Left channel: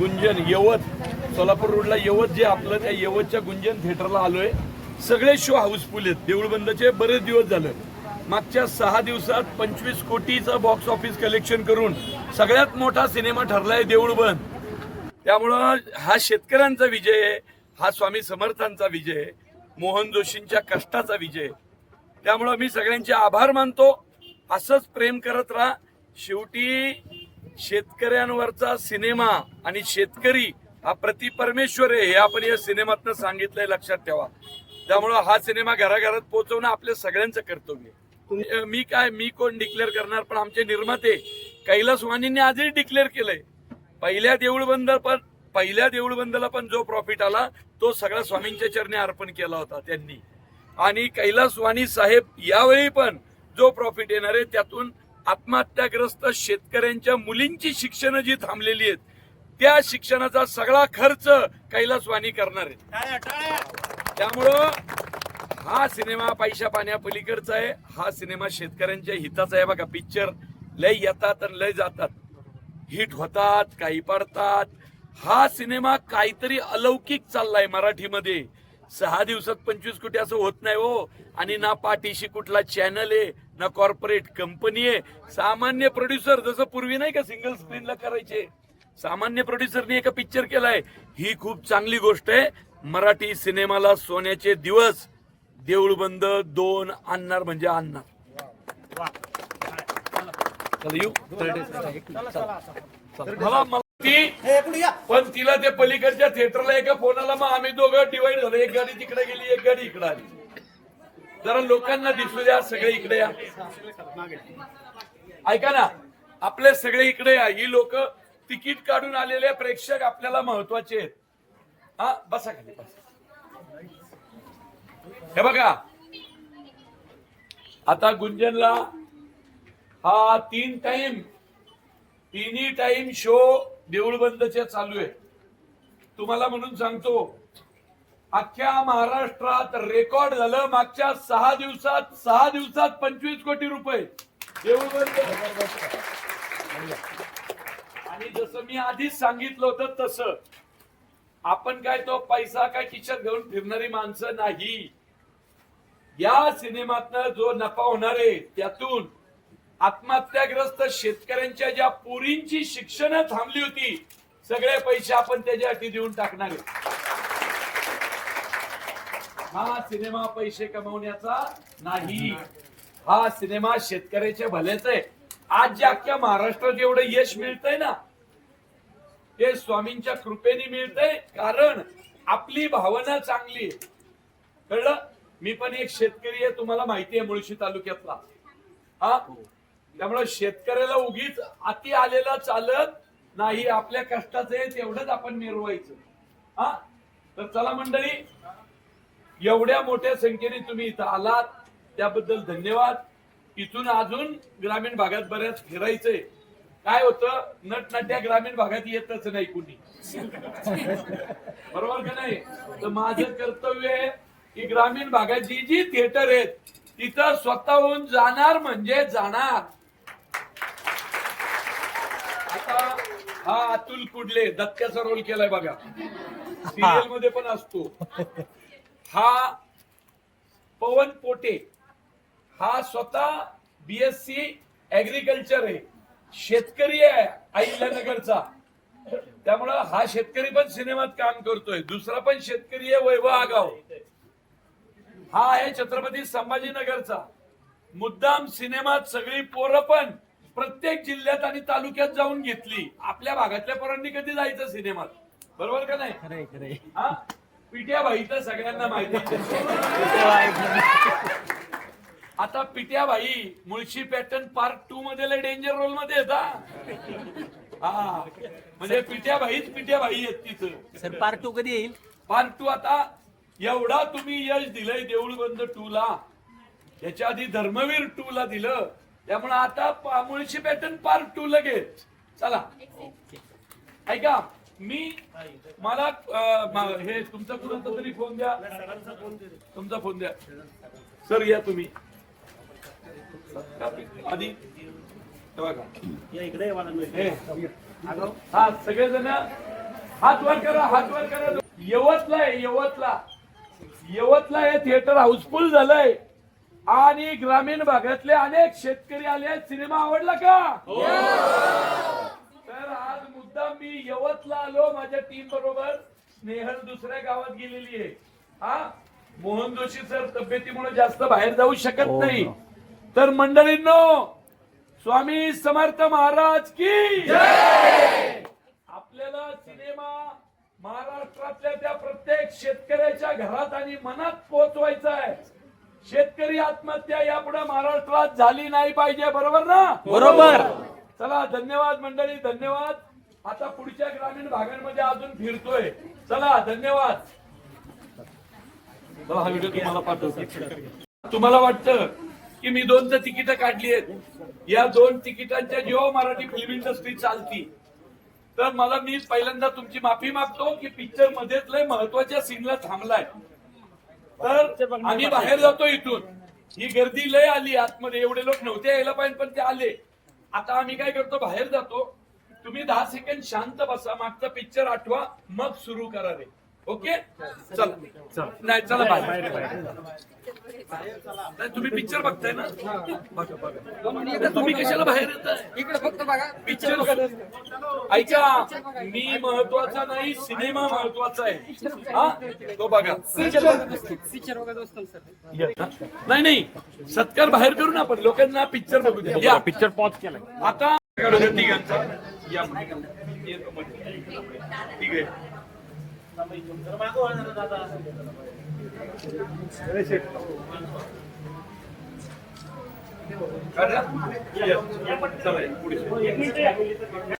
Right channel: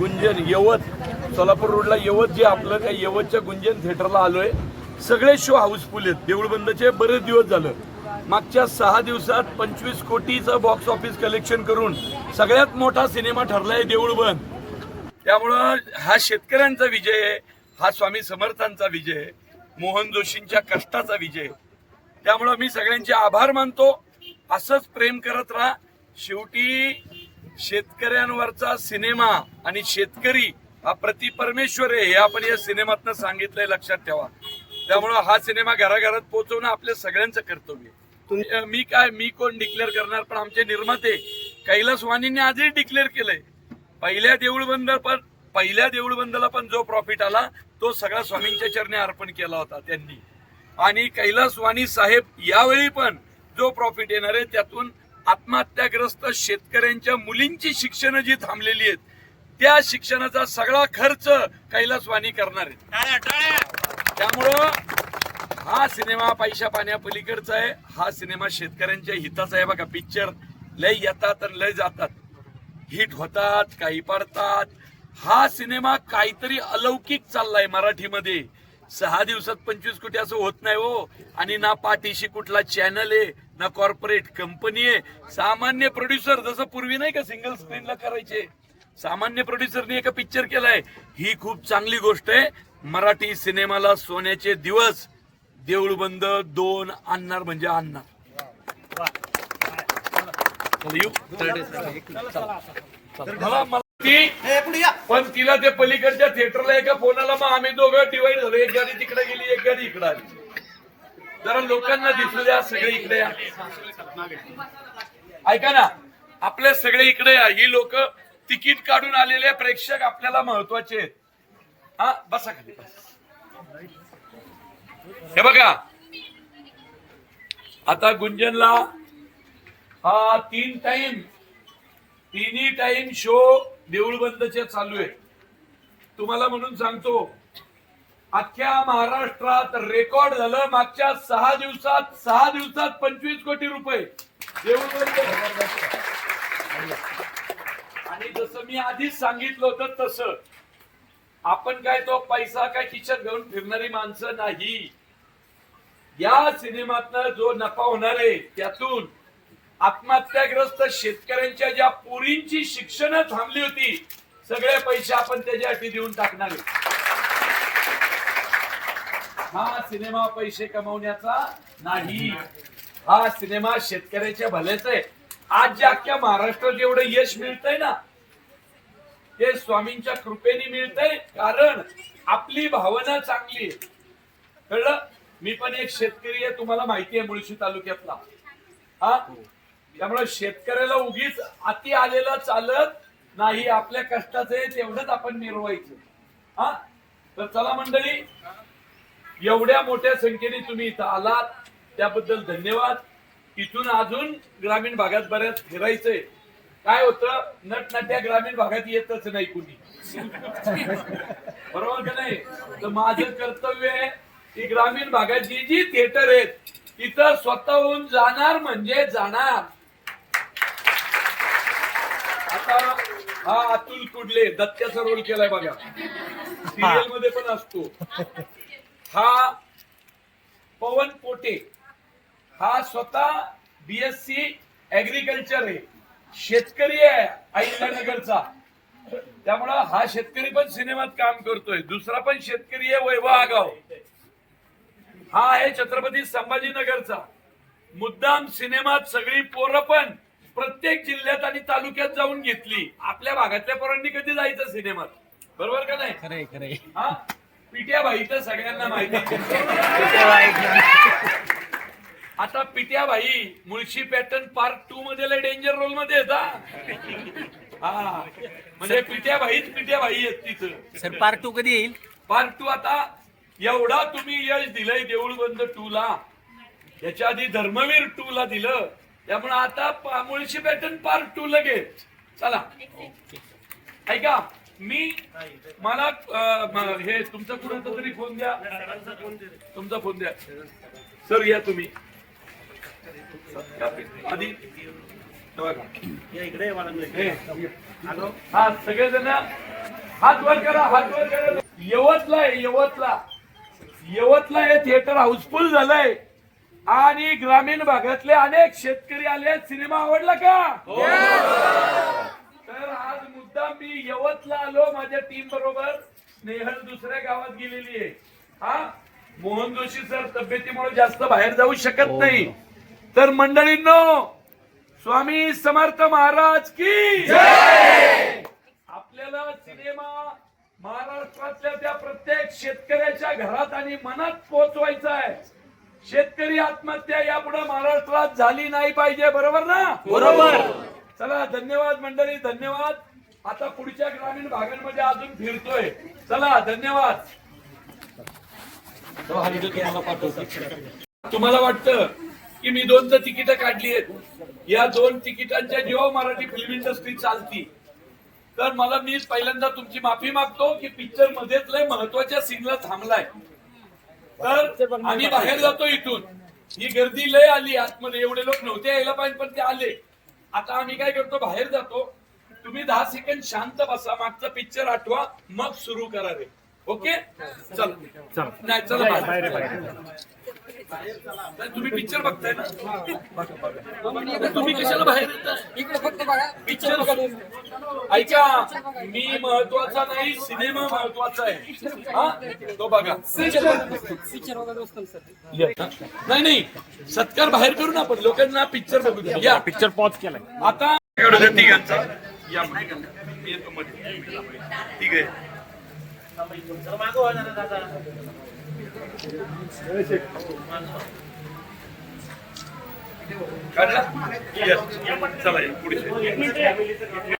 गुंजन यवत सोलापूर रोडला यवत जे आपलं त्या यवतच्या गुंजन थिएटरला आलोय. सगळे शो हाऊसफुल आहेत. देऊळबंदचे बरेच दिवस झालं. मागच्या 6 दिवसात 25 कोटीचं बॉक्स ऑफिस कलेक्शन करून सगळ्यात मोठा सिनेमा ठरलाय देऊळबंद. त्यामुळं हा शेतकऱ्यांचा विजय आहे, हा स्वामी समर्थांचा विजय आहे, मोहन जोशींच्या कष्टाचा विजय. त्यामुळं मी सगळ्यांचे आभार मानतो. असंच प्रेम करत राहा. शेवटी शेतकऱ्यांवरचा सिनेमा आणि शेतकरी हा प्रतिपरमेश्वर आहे हे आपण या सिनेमातनं सांगितलंय, लक्षात ठेवा. त्यामुळं हा सिनेमा घराघरात पोहोचवणं आपल्या सगळ्यांचं कर्तव्य आहे. मी कोण डिक्लेअर करणार, पण आमचे निर्माते कैलास वाणींनी आजही डिक्लेअर केलंय. पहिल्या देऊळबंदाला पण जो प्रॉफिट आला तो सगळा स्वामींच्या चरणी अर्पण केला होता त्यांनी. आणि कैलास वाणी साहेब यावेळी पण जो प्रॉफिट येणार आहे त्यातून आत्महत्याग्रस्त शेतकऱ्यांच्या मुलींची शिक्षण जी थांबलेली आहेत त्या शिक्षणाचा सगळा खर्च कैलास वाणी करणार आहे. त्यामुळं हा सिनेमा पैशा पाण्यापलीकडचा आहे. हा सिनेमा शेतकऱ्यांच्या हिताचा आहे. बघा, पिक्चर लय येतात आणि लय जातात, हिट होतात, काही पडतात. हा सिनेमा काहीतरी अलौकिक चाललाय मराठीमध्ये. 6 दिवसात 25 कोटी असं होत नाही हो. आणि ना पाठीशी कुठला चॅनल आहे, ना कॉर्पोरेट कंपनी आहे. सामान्य प्रोड्युसर, जसं पूर्वी नाही का सिंगल स्क्रीनला करायचे, सामान्य प्रोड्युसरने एका पिक्चर केलाय. ही खूप चांगली गोष्ट आहे. मराठी सिनेमाला सोन्याचे दिवस देऊळबंद 2 आणणार म्हणजे आणणार. पण तिला ते पलीकडच्या थिएटरला एका फोनाला मग आम्ही दोघं डिवाइड झालो. एक गाडी तिकडे गेली, एक गाडी इकडे आली. जरा लोकांना दिसू द्या, सगळे इकडे या. ऐका ना, आपले सगळे इकडे या. ही लोक तिकीट काढून आलेले प्रेक्षक आपल्याला महत्वाचे आहेत. हा, बसा खाली. हे बघा, आता गुंजनला हा तिन्ही टाइम शो देऊळबंदचे चालू आहे. तुम्हाला म्हणून सांगतो, अख्ख्या महाराष्ट्रात रेकॉर्ड झालं मागच्या 6 दिवसात 25 कोटी रुपये देऊळबंद. आणि जसं मी आधीच सांगितलं होतं तसं आपण काय तो पैसा काय खिशात घेऊन फिरणारी माणसं नाही. या सिनेमातनं जो नफा होणार आहे त्यातून आत्महत्याग्रस्त शेतकऱ्यांच्या ज्या पोरींची शिक्षण थांबली होती, सगळे पैसे आपण त्याच्यासाठी देऊन टाकणार आहे. हा सिनेमा पैसे कमवण्याचा नाही, हा सिनेमा शेतकऱ्याच्या भल्याचा आहे. आज जे अख्ख्या महाराष्ट्रात एवढं यश मिळतंय ना, ते स्वामींच्या कृपेने मिळतंय. कारण आपली भावना चांगली आहे. कळलं? मी पण एक शेतकरी आहे, तुम्हाला माहिती आहे, मुळशी तालुक्यातला. हा, त्यामुळे शेतकऱ्याला उगीच अति आलेला चालत नाही. आपल्या कष्टाचं आहे तेवढंच आपण मिरवायचं. हा, तर चला मंडळी, एवढ्या मोठ्या संख्येने तुम्ही इथं आलात त्याबद्दल धन्यवाद. इथून अजून ग्रामीण भागात बऱ्याच फिरायचंय. काय होतं, नटनट्या ग्रामीण भागात येतच नाही कुणी, बरोबर का नाही? तर माझं कर्तव्य आहे की ग्रामीण भागात जी जी थिएटर आहेत तिथं स्वतःहून जाणार म्हणजे जाणार. आता हा अतुल कुडले दत्त्याचा रोल केलाय बघा, सिरियल मध्ये पण असतो. हा पवन पोटे, हा स्वतः BSc ऍग्रिकल्चर आहे, शेतकरी आहे अहिल्यानगरचा. त्यामुळं हा शेतकरी पण सिनेमात काम करतोय. दुसरा पण शेतकरी आहे वैभव आगाव, हा आहे छत्रपती संभाजीनगरचा. मुद्दाम सिनेमात सगळी पोरं पण प्रत्येक जिल्ह्यात आणि तालुक्यात जाऊन घेतली. आपल्या भागातल्या पोरांनी कधी जायचं सिनेमात, बरोबर का नाही? खरे खरे. हा, पिट्या भाई तर सगळ्यांना माहिती. आता पिट्या भाई मुळशी पॅटर्न पार्ट 2 मध्ये डेंजर रोल मध्ये येतात. हा, म्हणजे पिट्या भाई आहेत तिथं. सर पार्ट 2 कधी येईल? पार्ट 2 आता एवढा तुम्ही यश दिलंय देऊळबंद 2 ला, याच्या आधी धर्मवीर 2 ला दिलं. त्यामुळे आता मुळशी पॅटर्न पार्ट 2 लगेच. चला, ऐका, मला हे तुमचा कुणाचा तरी फोन द्या, तुमचा फोन द्या. सर या तुम्ही आधी इकडे. हा, सगळेजण हात वर करा, हात वर करा. यवतला आहे, यवतला हे थिएटर हाऊसफुल झालंय आणि ग्रामीण भागातले अनेक शेतकरी आले. सिनेमा आवडला का? तर आज मुद्दाम मी यवतला आलो माझ्या टीम बरोबर. स्नेहल दुसऱ्या गावात गेलेली आहे. हा, मोहन जोशी सर तब्येतीमुळे जास्त बाहेर जाऊ शकत नाही. तर मंडळींनो, स्वामी समर्थ महाराज की जय. आपल्याला सिनेमा महाराष्ट्रातल्या त्या प्रत्येक शेतकऱ्याच्या घरात आणि मनात पोहोचवायचा आहे. शेतकरी आत्महत्या यापुढे महाराष्ट्रात झाली नाही पाहिजे. बरोबर ना? बरोबर. चला, धन्यवाद मंडळी, धन्यवाद. आता पुढच्या ग्रामीण भागांमध्ये अजून फिरतोय. चला, धन्यवाद. तुम्हाला पाठवतो. तुम्हाला वाटतं की मी 2 तिकीट काढली आहेत, या 2 तिकिटांच्या जेव्हा मराठी फिल्म इंडस्ट्री चालती, तर मी पहिल्यांदा तुमची माफी मागतो की पिक्चर मध्येच लय महत्वाच्या सीनला थांबलाय. तर आम्ही बाहेर जातो इथून. ही गर्दी लय आली आतमध्ये, एवढे लोक नव्हते यायला पाहिजे पण ते आले. आता आम्ही काय करतो, बाहेर जातो. तुम्ही 10 सेकंड शांत बसा, मागचा पिक्चर आठवा, मग सुरू करा रे. ओके, चला. नाही, चला बाहेर. तुम्ही पिक्चर बघताय ना? बघा. तुम्ही कशाला बाहेर येताय? इकडे फक्त बघा पिक्चर ऐका, मी महत्वाचा नाही, सिनेमा महत्वाचा आहे. हा, तो बघा. पिक्चर वगैरे असतं सर. नाही, सत्कार बाहेर करू ना आपण, लोकांना पिक्चर बघू द्या. या, पिक्चर पॉज केलाय. आता तिघांचा या मध्ये येतो मध्ये. ठीक आहे. काढला? Yes. चला, पुढे